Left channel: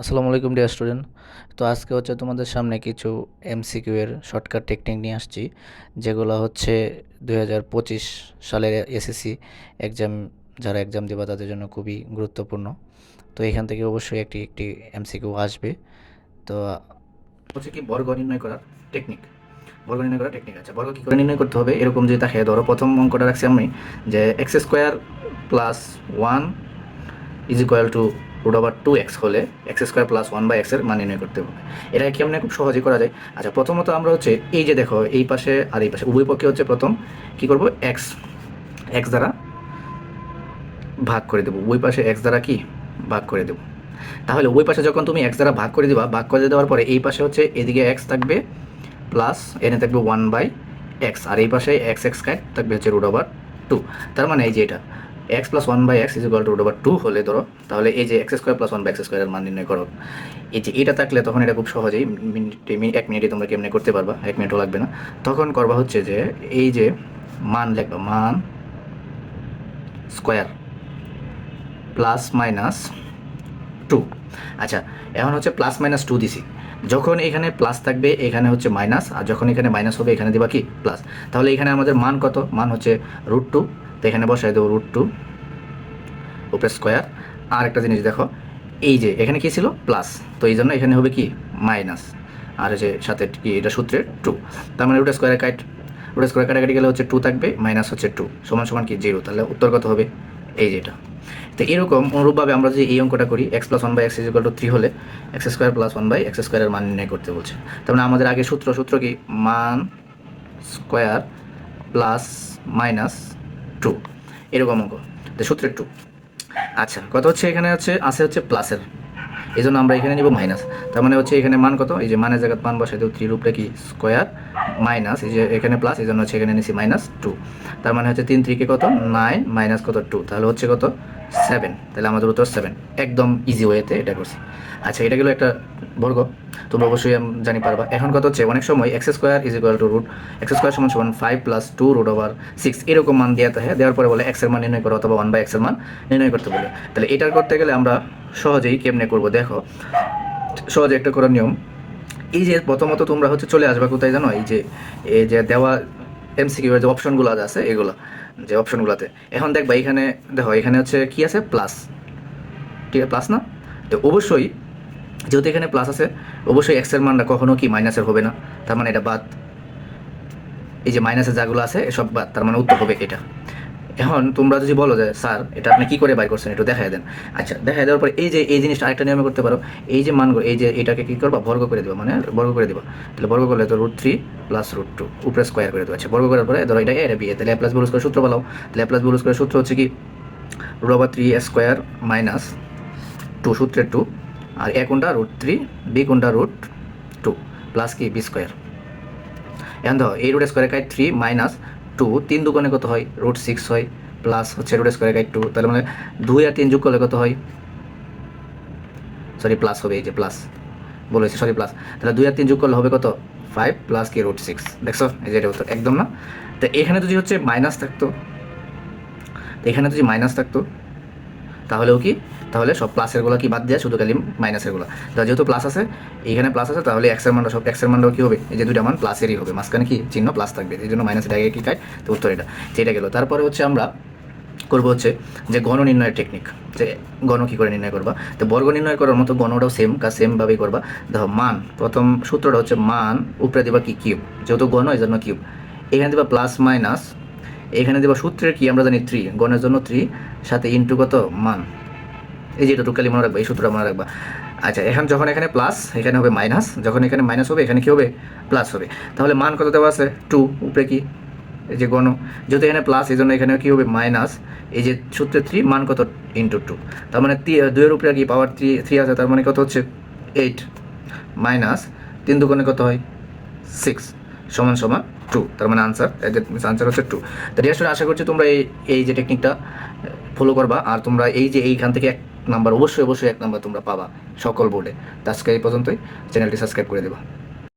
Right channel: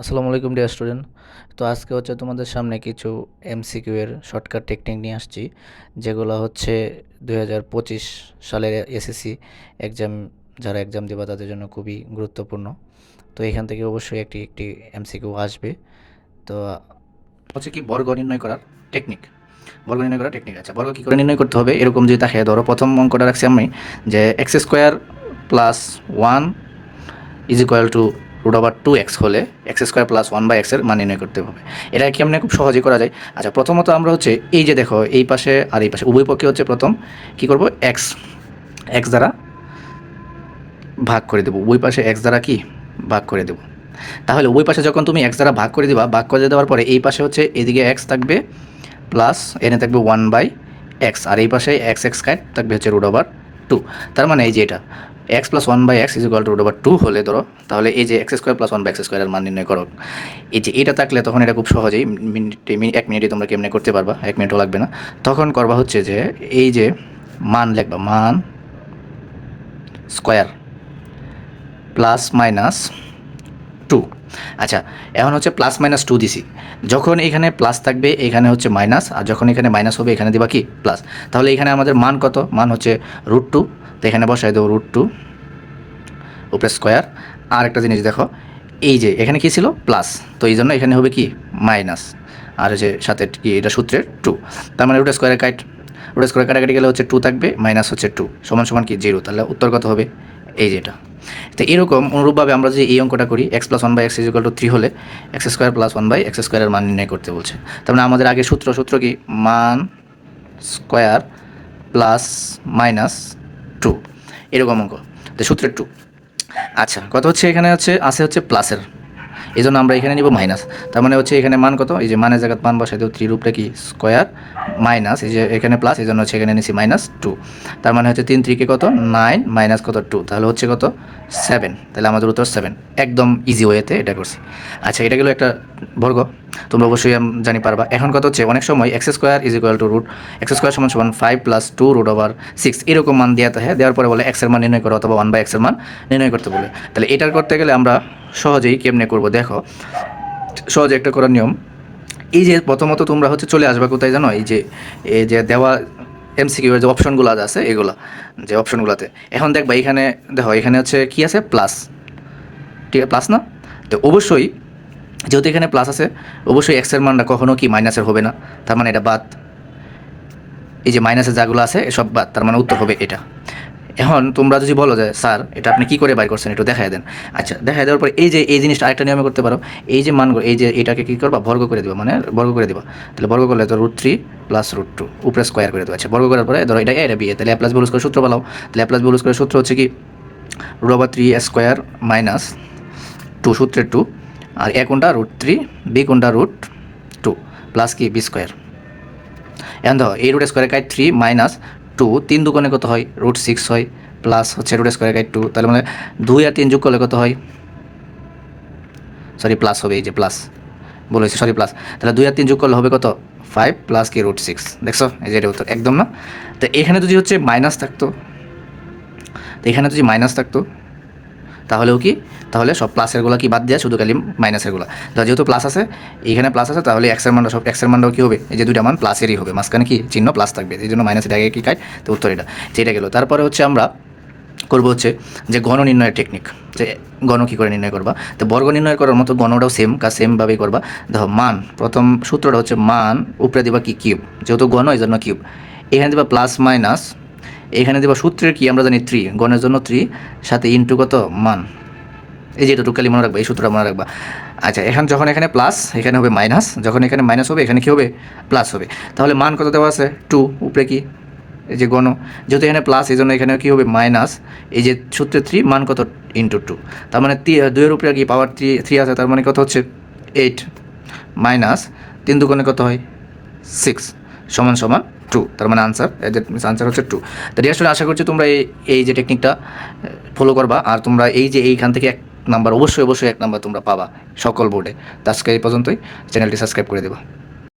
আসসালামু আলাইকুম dear student তো আজকে হচ্ছে তোমাদের সামনে কিছু এমসিকিউ এর শর্টকাট টেকনিক নিয়ে আসছি, যেগুলো হচ্ছে দু হাজার পঁচিশ সালের এসএসসি এক্সাম যারা এক্সাম দেবা তাদের জন্য খুবই গুরুত্বপূর্ণ। তো এখান থেকে অবশ্যই একটি একটি এমসিকিউ আসবে। তো হচ্ছে কি বর্গ নির্ণয় করার টেকনিক বর্গ নির্ণয় করার টেকনিক আছে। বর্গ কী করে নির্ণয় করতে হবে? এরকম যে তাকে ধরো প্রথম অঙ্কটা রাখছি আমি, যে X square plus one is equal to root over two X হলে X square plus one by এক্সের মান নির্ণয় করতে হবে। এটা কি আমরা খুব সহজে করা যায়? আচ্ছা প্রথমত আমরা হচ্ছে এই যে দেখো, এই পাশে আর এই পাশে, উভয় পক্ষে হচ্ছে প্রথম কি করব? এক্স এক্স দ্বারা ভাগ করে দেবো। উভয় পাশে এক্স দ্বারা কি? ভাগ করে দেবো। তাহলে উভয় পাশে যখন তুমি এক্স দ্বারা ভাগ করে দিবা, ভাগ করে দেওয়ার পরে এই পাশে হচ্ছে এদিকে এক্স থাকবে প্লাস এনে থাকবে ওয়ান বাই এক্স আর এই পাশে এক্স এক্স কাট থাকবে হচ্ছে রুট ওভার টু তার মানে এই যে এটা। X plus one by x is equal to root over two হলে ধরো, তাহলে এই যে x square plus one by x স্কোয়ারের মান নির্ণয় করো। এই যে এটা থাকলে তখন এটা খুব সহজেই মিনিটে এক মিনিটে তোমরা কেমনে করতে পারবা, এক মিনিটও লাগবে না। তখন করবা হচ্ছে যে এই যে মান লিখবা, মান স্কোয়ার প্লাস মাইনাস টু আচ্ছা এখন হচ্ছে প্লাস মাইনাস টু দিছি। যখন এখানে প্লাস থাকবে, এখানে হচ্ছে মাইনাস আর যখন এখানে মাইনাস হবে, এখানে দেবা কি? প্লাস তাহলে এখানে আমাদের মান কত? মান হচ্ছে রুট টু তো এখানে বসাই দেবো রুট টু উপরে স্কোয়ার আর একটা জিনিস দেখো, এই যে এখানে কি ছিল? প্লাস তো এই জন্য এখানে হবে কি? মাইনাস আর যে সাথে কি? এটা সূত্রের টু তার মানে রুট স্কোয়ারের কাট রুট স্কোয়ার কাটাকাটি গেলে হচ্ছে টু থাকবে মাইনাস হচ্ছে টু সমান সমান কি? জিরো তাহলে উত্তর কত হবে? এই যেটা। তো এরকম অনুরূপভাবে আমরা যে এই অঙ্কটা করি x plus one by x is equal to three হলে x square plus one by x স্কোয়ারের মান নির্ণয় করতে বলছে। তার মানে আমাদের আগে সূত্র সূত্র কি? মান স্কোয়ার প্লাস মাইনাস টু এরকম অঙ্ক। সূত্রের টু আচ্ছা কত হচ্ছে এখানে হচ্ছে আছে হচ্ছে প্লাসের এই জন্য আমরা এখানে নিব মাইনাস তার মানে হচ্ছে এখানে মান কত? এই যে মানের জায়গায় মান বসাই দেবো থ্রির উপরে কি স্কোয়ার মাইনাস এই যে এখানে প্লাস এই জন্য হচ্ছে এখানে নিচ্ছি মাইনাস টু তার মানে হচ্ছে তিন থ্রিকে কত? নাইন মাইনাস কত? টু তাহলে হচ্ছে কত? সেভেন তাহলে আমাদের উত্তর সেভেন একদম ইজি ওয়েতে এটা করছি। আচ্ছা এটা গেলো একটা বর্গ। তোমরা অবশ্যই জানি পারবা। এখন কত হচ্ছে? অনেক সময় x square is equal to root x square সমান সমান five plus two root over six এরকম মান দেওয়া থাকে দেওয়ার পরে বলে এক্সের মান নির্ণয় করো, অথবা ওয়ান বাই এক্সের মান নির্ণয় করতে বলে। তাহলে এটার করতে গেলে আমরা সহজেই কেমনে করব? দেখো, সহজে একটা করার নিয়ম। এই যে প্রথমত তোমরা হচ্ছে চলে আসবা কোথায় জানো? এই যে এই যে দেওয়া এমসিকিউ এর যে অপশনগুলো আছে এগুলো, যে অপশনগুলোতে। এখন দেখবা এখানে, দেখো, এখানে হচ্ছে কি আছে? প্লাস ঠিক আছে প্লাস না? তো অবশ্যই, যেহেতু এখানে প্লাস আছে, অবশ্যই এক্সের মানটা কখনো কি মাইনাসের হবে না। তার মানে এটা বাদ। এই যে মাইনাসের যাগুলো আছে, এসব বাদ। তার মানে উত্তর হবে এটা। এখন তোমরা যদি বলো যে, স্যার, এটা আপনি কী করে বাইর করছেন? একটু দেখাই দেন। আচ্ছা দেখাই দেওয়ার পর এই যে, এই জিনিসটা আরেকটা নিয়মে করতে পারো। এই যে মানগুলো, এই যে এটাকে কী করবা? বর্গ করে দেবো মানে বর্গ করে দেবো। তাহলে বর্গ করলে তো root three plus root two উপরে স্কোয়ার করে দেবো। আচ্ছা বর্গ করার পরে ধরো এটা এ এটা বি তাহলে প্লাস বিলুস করে সূত্র বলো তাহলে প্লাস বিলুস করে সূত্র হচ্ছে কি? Root over three square minus two সূত্রের টু আর এ কোনটা? রুট থ্রি বি কোনটা? রুট টু প্লাস কি? বি স্কোয়ার এখন ধরো, এই রুট স্কোয়ার কাই থ্রি মাইনাস টু তিন দুগুণে কত হয়? রুট সিক্স হয় প্লাস হচ্ছে রুট স্কোয়ার গাইড টু তাহলে মানে দুই আর তিন যোগ করলে কত হয়? সরি প্লাস হবে, এই যে প্লাস বলেছি সরি প্লাস তাহলে দুই আর তিন যোগ করলে হবে কত? ফাইভ প্লাস কি রুট সিক্স দেখছ? এই যে উত্তর, একদম না? তো এখানে যদি হচ্ছে মাইনাস থাকতো, তো এখানে যদি মাইনাস থাকতো তাহলেও কি? তাহলে সব প্লাসেরগুলো কি বাদ দেওয়া শুধু খালি মাইনাসেরগুলো তো যেহেতু প্লাস আছে, এইখানে প্লাস আছে, তাহলে এক্সের মানটা সব এক্সের মানটাও কী হবে? এই যে দুইটা মান প্লাসেরই হবে। মাঝখানে কি চিহ্ন প্লাস থাকবে। এই জন্য মাইনাসের আগে কি খায়? তো উত্তর এটা। যেটা গেলো। তারপরে হচ্ছে আমরা করব হচ্ছে যে গণ নির্ণয়ের টেকনিক যে গণ কী করে নির্ণয় করবা? তো বর্গ নির্ণয় করার মতো গণটাও সেম কাজ সেমভাবেই করবা। দেখো মান, প্রথম সূত্রটা হচ্ছে মান, উপরে দিবা কি কিউব যেহেতু গণ এই জন্য কিউব এখানে দিবা প্লাস মাইনাস এখানে দেবা সূত্রের কি? আমরা জানি থ্রি গণের জন্য থ্রি সাথে ইন্টু কত? মান। এই যে এটা টুকালি মনে রাখবা, এই সূত্রটা মনে রাখবা। আচ্ছা এখন যখন এখানে প্লাস এখানে হবে মাইনাস যখন এখানে মাইনাস হবে, এখানে কী হবে? প্লাস হবে। তাহলে মান কত দেওয়া আছে? টু উপরে কি? এই যে গণ। যেহেতু এখানে প্লাস এই জন্য এখানে কী হবে? মাইনাস এই যে সূত্রে থ্রি মান কত? ইন্টু টু তার মানে দুইয়ের উপরে কি? পাওয়ার থ্রি থ্রি আছে, তার মানে কত হচ্ছে? এইট মাইনাস তিন দুগুণে কত হয়? সিক্স সমান সমান টু তার মানে আনসার আনসার হচ্ছে টু তো ডিয়ার আশা করছি তোমরা এই এই যে টেকনিকটা ফলো করবা, আর তোমরা এই যে এইখান থেকে এক নাম্বার অবশ্যই অবশ্যই এক নাম্বার তোমরা পাবা সকল বোর্ডে তো আজকে এই পর্যন্তই চ্যানেলটি সাবস্ক্রাইব করে দেবা।